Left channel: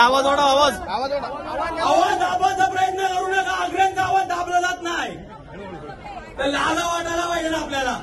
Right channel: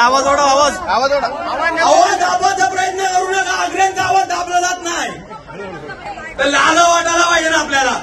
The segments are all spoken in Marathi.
आवाज ओढा, आवाज आवाज ओढा, आवाज दाबायचा प्रयत्न करू नका. आग्र्यांचा आवाज दाबला जात नाही तर लाला वाटायला पाहिजे ना आपल्याला.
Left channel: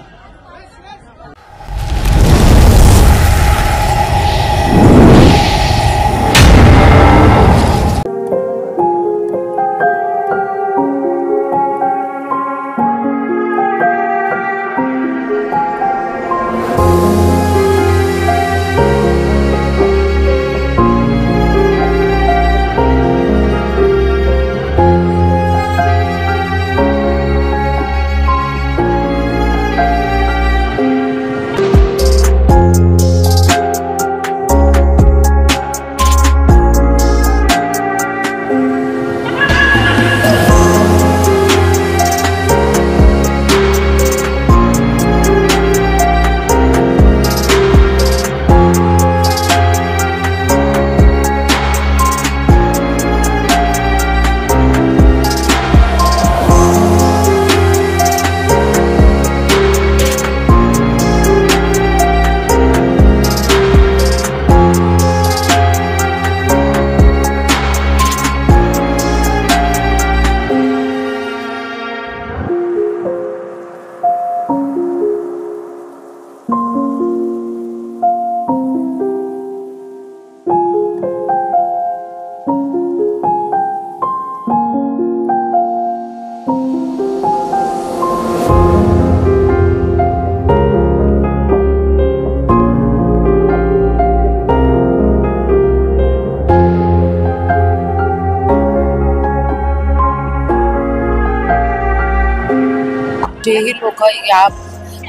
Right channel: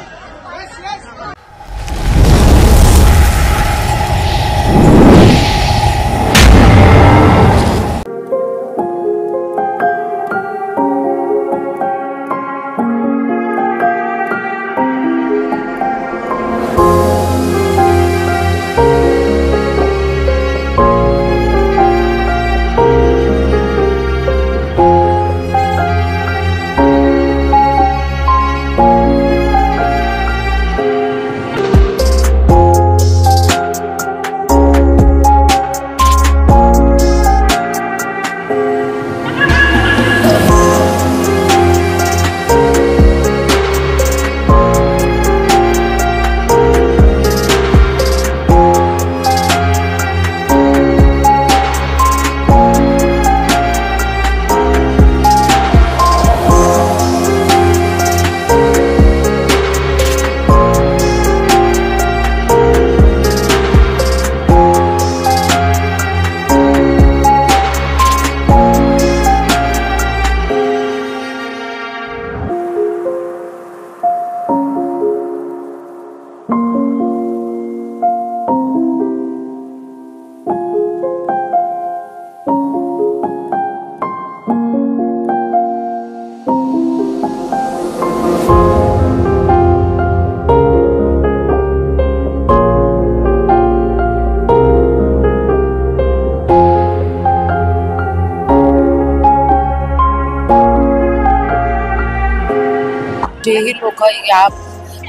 जेही लोक या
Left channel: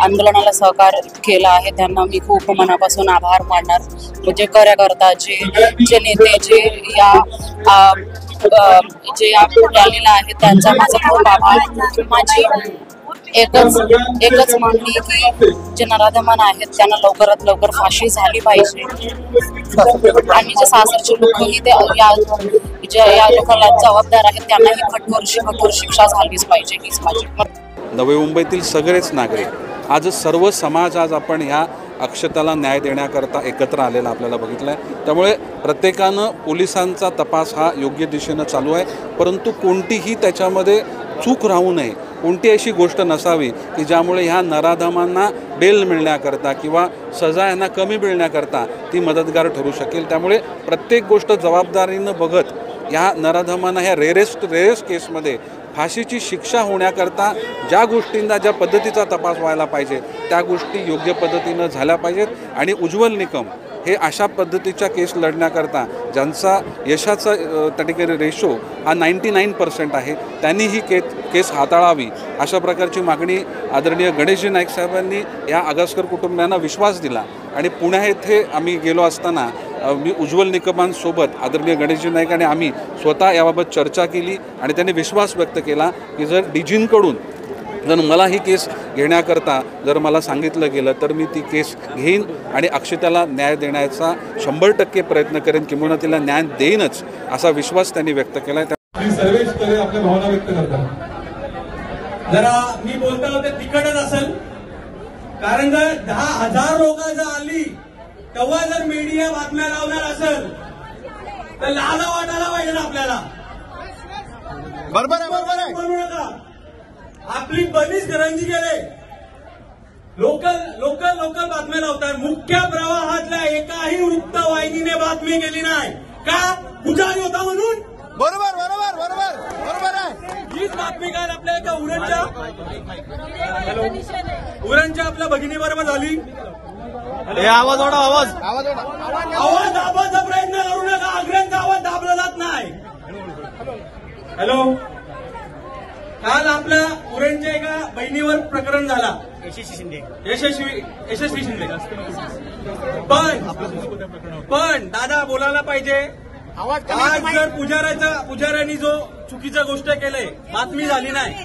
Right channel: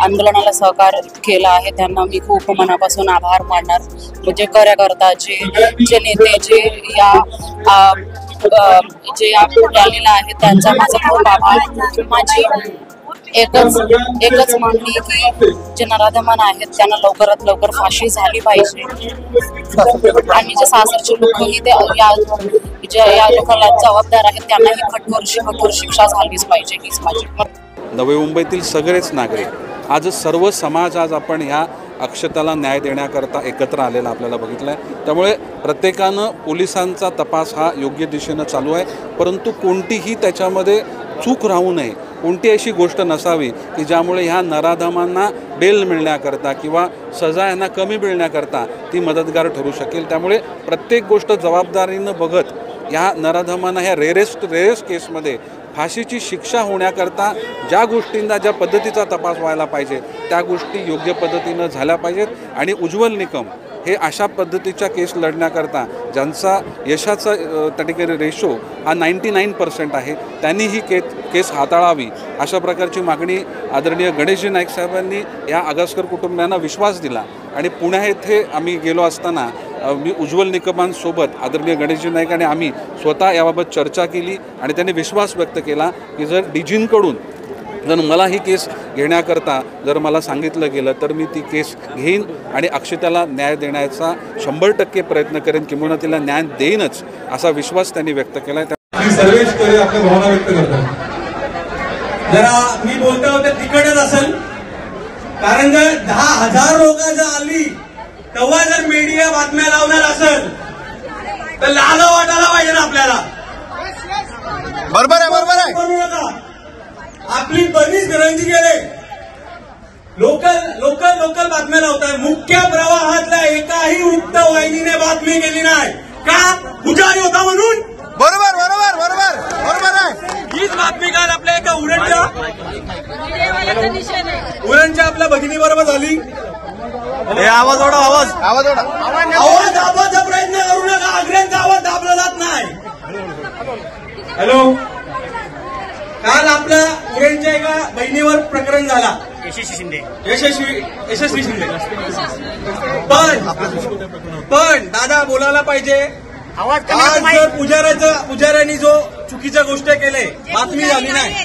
आंदोलनाला सहकार्य केला आहे त्यांना मी खूप मनापासून आभार मानणार. म्हणजे कार्यकर्ता जे नेते जे या रॅलीला आहेत त्यांचा माझा खूप आभार. माझी एकच मागणी की जे नराधमान आहेत त्यांना लवकरात लवकर फाशी झाली पाहिजे आणि जे सासरचे लोकही ते या लोकांना जबाबदार आहेत त्यांनाही कठोर शिक्षा झालीच पाहिजे हीच माझी. नवी मुंबईतील सगळेच नागरिक आज सर्व समाज आज आपण ह्या अक्षताला न्याय देण्याकरता एकत्र आलेला आपल्याला बघितलं आहे. त्यामुळे प्रत्येकानं पोलिसांचा तपास हा योग्य दिशेनं चालू आहे, परंतु कोणतीही त्याच्यामध्ये चूक राहू नये, कोणती अशी गोष्ट नसावी की ज्यामुळे ह्या नराधमांना बेल मिळण्याकरता किंवा सजा यांना कमी मिळण्याकरता ती मदतगार ठरू शकेल. त्यामुळे प्रत्येक गोष्ट जबाबदारीनं बघत ह्या नराधमांना ह्या रेअरेस्ट केसमध्ये फाशीची शिक्षा होण्याकरता ज्या गोष्टींना ज्या पद्धतीचा तपास व्हायला पाहिजे त्या गोष्टी योग्य पद्धतीनं झाल्या पाहिजेत. आणि उज्ज्वल निकम हे अशा पद्धतीच्या केस लढण्याकरता ज्यांचा यशाचा त्या ठिकाणी रेशो हा 99% आहे त्यांनी ही केस हाताळावी अशा प्रकारची मागणी आदरणीय गणेशजी नाईक साहेबांनी या आगसकर कुटुंबियांना विश्वास दिला. आणि पुण्या येथे आम्ही गेलो असताना मी उज्ज्वल निकमांसोबत आदरणीय गणेशजी नाईक आणि आम्ही स्वतः याबाबत चर्चा केली आणि त्यांनी विश्वास व्यक्त केला की जर डीजींकडून जर मला ही केस घेण्याकरता जर मला सांगितलं गेलं तर मी ती केस घेईन आणि अक्षताला न्याय देण्याचा 100% प्रयत्न करेन, किंवा तिला न्याय देईनच असा विश्वास त्यांनी व्यक्त केला. सर्वेच आपल्या भावना व्यक्त करतात. जरा मी बोलतो होते तिकडच असेल कारण जर 10,000 लोक जर आली तेव्हा जर मीडिया बातम्या लावणार असेल तर लाला वाटायला पाहिजे ना आपल्याला. बरोबर आहे. आपली बरीच घरांची गेले लोकल बातम्या लावताय. मुख्य प्रवाहातल्या एकाही वृत्तवाहिनीने बातमी केली नाही का पुजारी होता म्हणून. बरोबर आहे. हीच बातमी काल आपल्या एका उरणच्या आपल्या भगिनी बरोबर झाली. आवाज ओढा, आवाज ओढा, आवाज दाबायचा प्रयत्न करू नका. आग्र्यांचा आवाज दाबला जात नाही. हॅलो, काल आपल्या उरणच्या एका बहिणीवर प्रकरण झाला. यशस्वी शिंदे. पण दादा बोलायला पाहिजे. आज जर पुजाऱ्यांनी जो चुकीच्या गोष्टी केले बातमी झाली नाही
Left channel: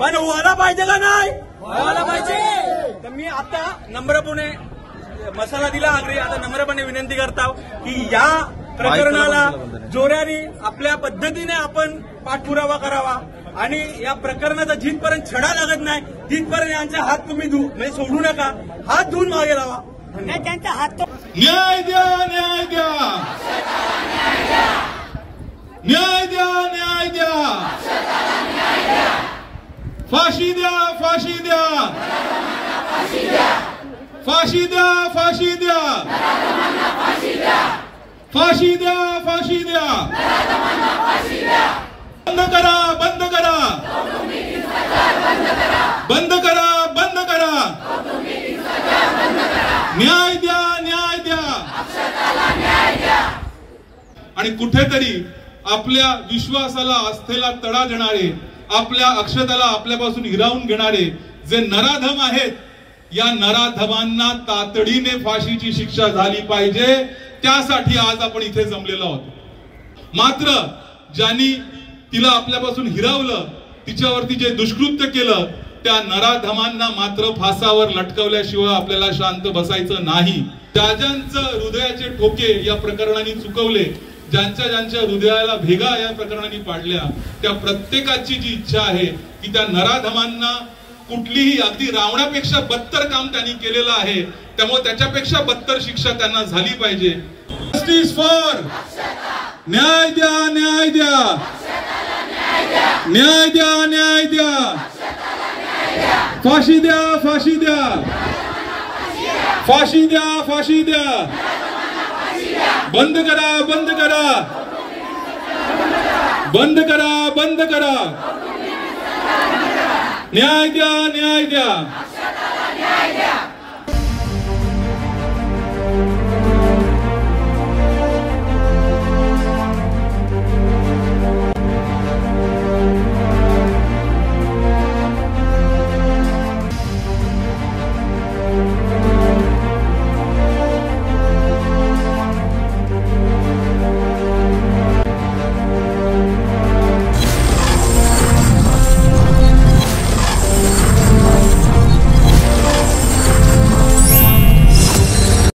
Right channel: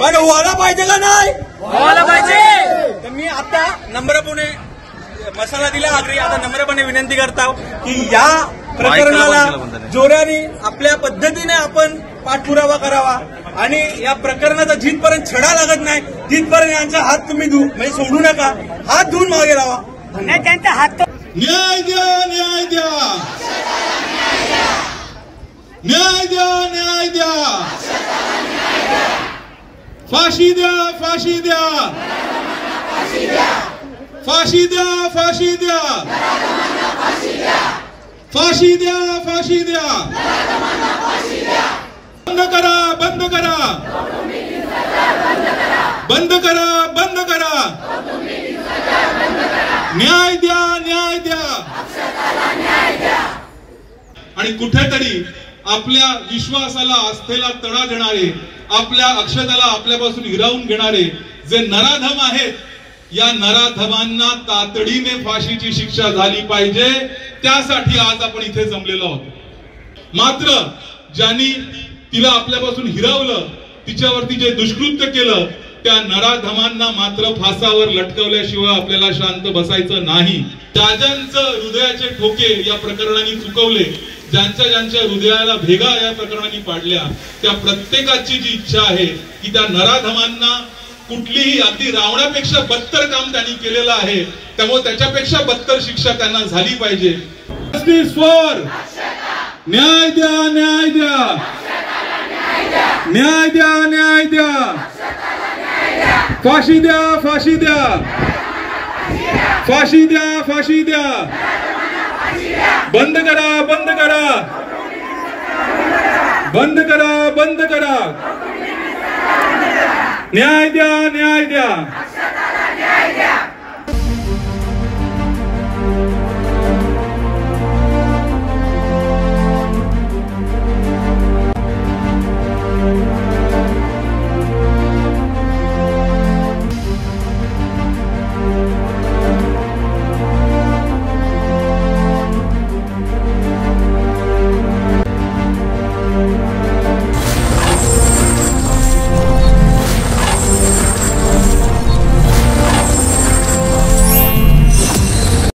पण व्हायला पाहिजे का नाही व्हायला पाहिजे. तर मी आता नम्रपणे मसाला दिला आग्री आता नम्रपणे विनंती करतो की या प्रकरणाला जोराने आपल्या पद्धतीने आपण पाठपुरावा करावा आणि या प्रकरणाचा जिथपर्यंत छडा लागत नाही तिथपर्यंत यांचा हात तुम्ही म्हणजे सोडू नका. हात धुवून मागे लावा. त्यांचा हात न्याय द्या. फाशी द्या, फाशी द्या, फाशी द्या, फाशी द्या, फाशी द्या, फाशी द्या, बंद करा, बंद करा, बंद करा, बंद करा, न्याय द्या, न्याय द्या. आणि कुठेतरी आपल्या विश्वासाला आस्थेला तडा देणारे, आपल्या अक्षताला आपल्यापासून हिरावून घेणारे जे नराधम आहेत, या नराधमांना तातडीने फाशीची शिक्षा झाली पाहिजे. त्यासाठी आज आपण इथे जमलेलो आहोत. मात्र ज्यांनी तिला आपल्यापासून हिरावलं, तिच्यावरती जे दुष्कृत्य केलं, त्या नराधमांना मात्र फासावर लटकवल्याशिवाय आपल्याला शांत बसायचं नाही. ज्यांचं हृदयाचे ठोके या प्रकरणाने चुकवले, ज्यांच्या हृदयाला भेगा या प्रकरणाने पाडल्या, त्या प्रत्येकाची जी इच्छा आहे की त्या नराधमांना कुठलीही अगदी रावणापेक्षा बदतर काम त्यांनी केलेलं आहे, त्यामुळे त्याच्यापेक्षा बदतर शिक्षा त्यांना झाली पाहिजे. जस्टिस फॉर, न्याय द्या, न्याय द्या, न्याय द्या, न्याय द्या, फाशी द्या, फाशी द्या, फाशी द्या, फाशी द्या, बंद करा, बंद करा, बंद करा, बंद करा, न्याय द्या, न्याय द्या.